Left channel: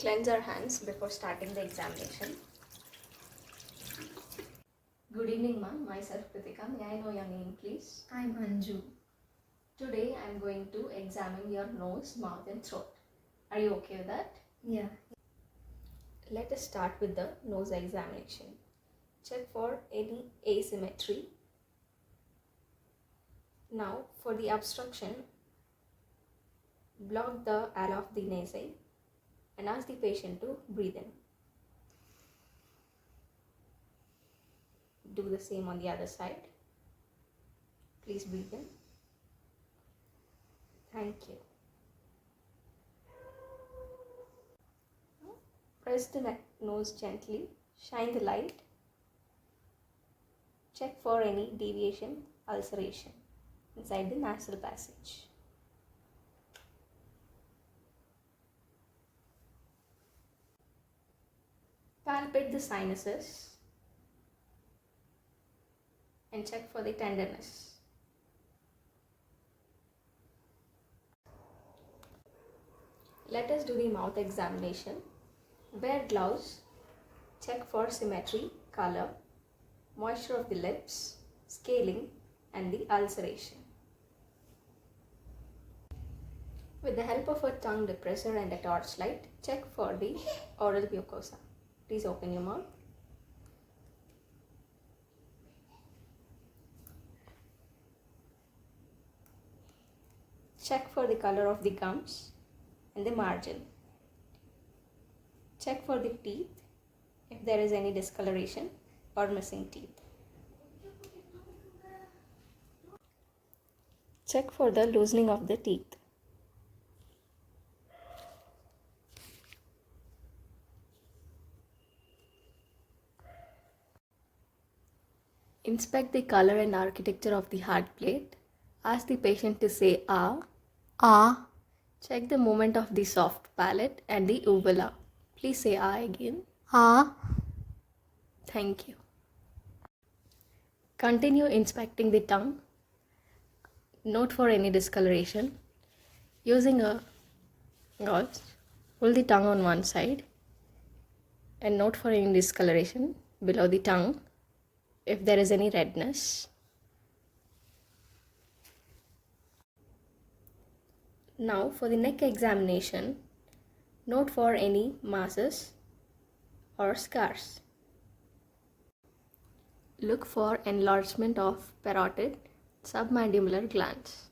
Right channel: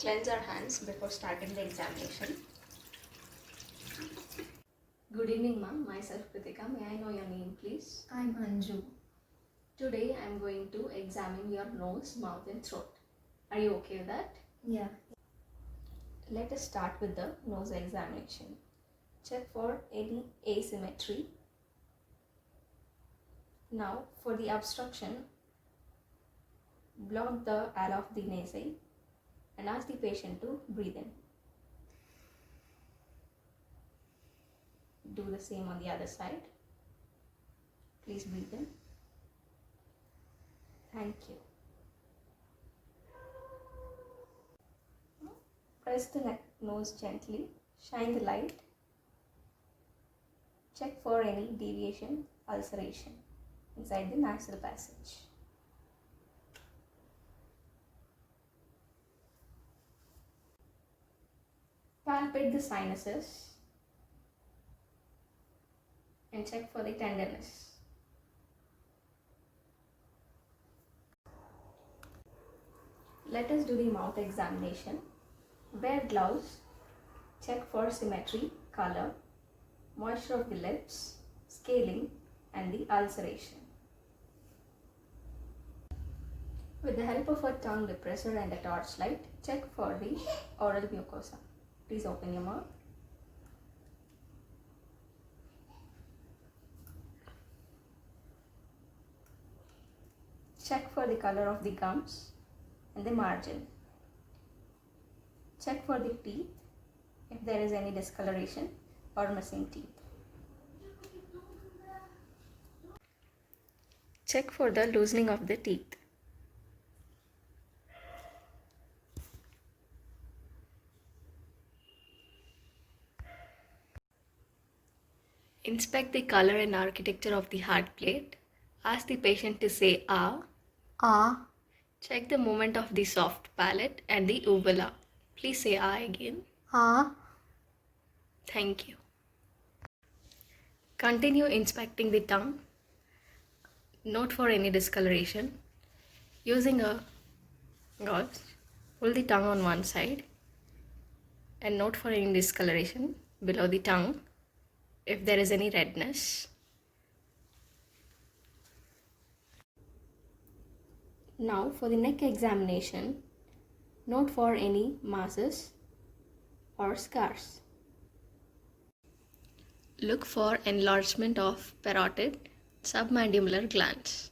Cleanse our hands before starting the examination. Good evening, ma'am. Myself Krithika. May I know your name, please? I'm Anju. Today I am going to examine your nose, mouth and throat. Are you okay with that? Yeah. Let us start with the nose examination. Check for any asymmetry. Now, for the obstruction, block the air of the nasal and ask the patient to breathe in. Do the same on the other side. Please breathe in. Thank you. Press the nose gently. Shine the light. Check for any deviation, ulceration inside the nasal passage. Palpate the sinuses and check for the tenderness. Let us do the mouth examination. Wear gloves. Check for symmetry, color, moisture of the lips, scaling and the ulceration. With the help of a tongue depressor and a torchlight, check for the oral mucosa. Please open your mouth. Check for the color of the gums and the margin. Check for the teeth if there is any discoloration or missing teeth. Check for the loosening of the teeth. Inspect the color and architecture of the hard plate. Ask the patient to say ah. Ah. Check the movement of the soft palate and the uvula. Please say ah again. Ah. Thank you. Continue inspecting the tongue. Note for any discoloration. Using a gauze, pull the tongue on one side and note for any discoloration below the tongue if there is any redness. Now for the neck examination, note for any masses or scars. Look for enlargement of parotid submandibular glands.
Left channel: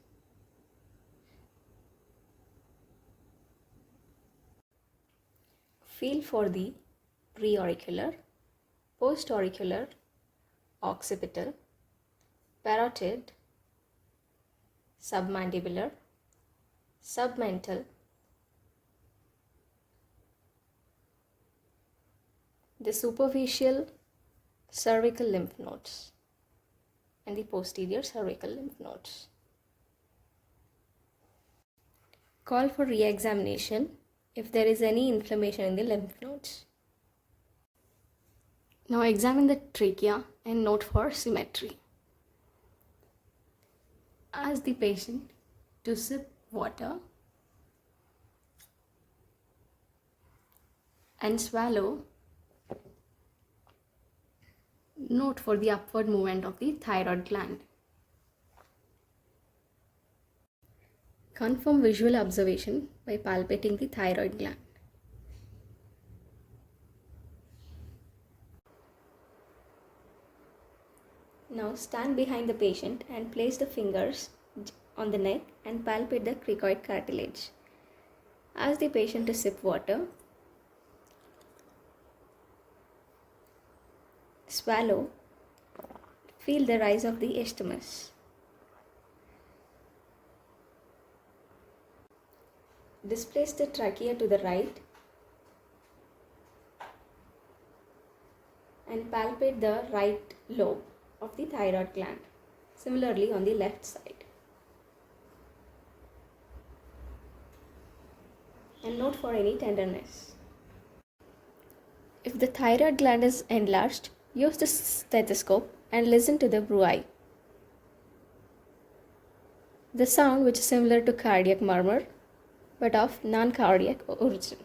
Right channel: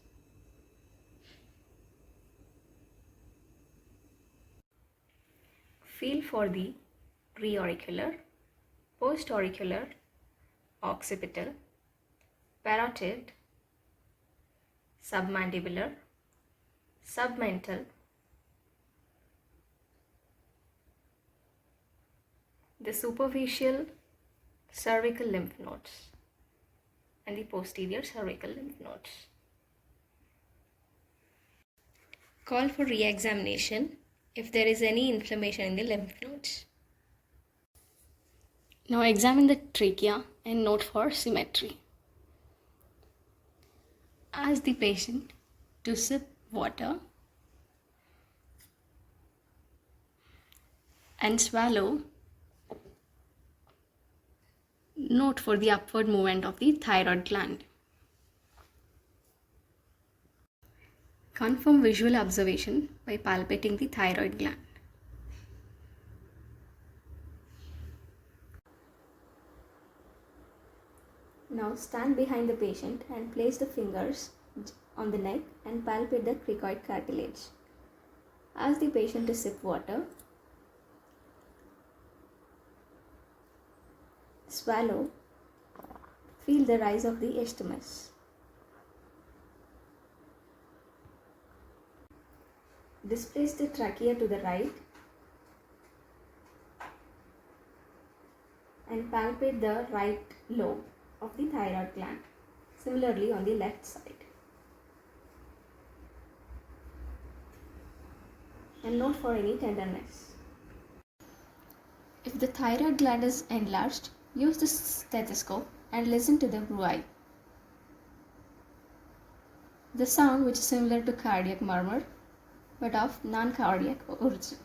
Feel for the preauricular, postauricular, occipital, parotid, submandibular, submental, the superficial cervical lymph nodes and the posterior cervical lymph nodes. Call for re-examination if there is any inflammation in the lymph nodes. Now examine the trachea and note for symmetry. Ask the patient to sip water and swallow. Note for the upward movement of the thyroid gland. Confirm visual observation by palpating the thyroid gland. Now stand behind the patient and place the fingers on the neck and palpate the cricoid cartilage. Ask the patient to sip water. Swallow. Feel the rise of the isthmus. Displace the trachea to the right and palpate the right lobe of the thyroid gland. Similarly on the left side. And note for any tenderness. If the thyroid gland is enlarged, use the stethoscope and listen to the bruit. The sound which is similar to cardiac murmur but of non-cardiac origin.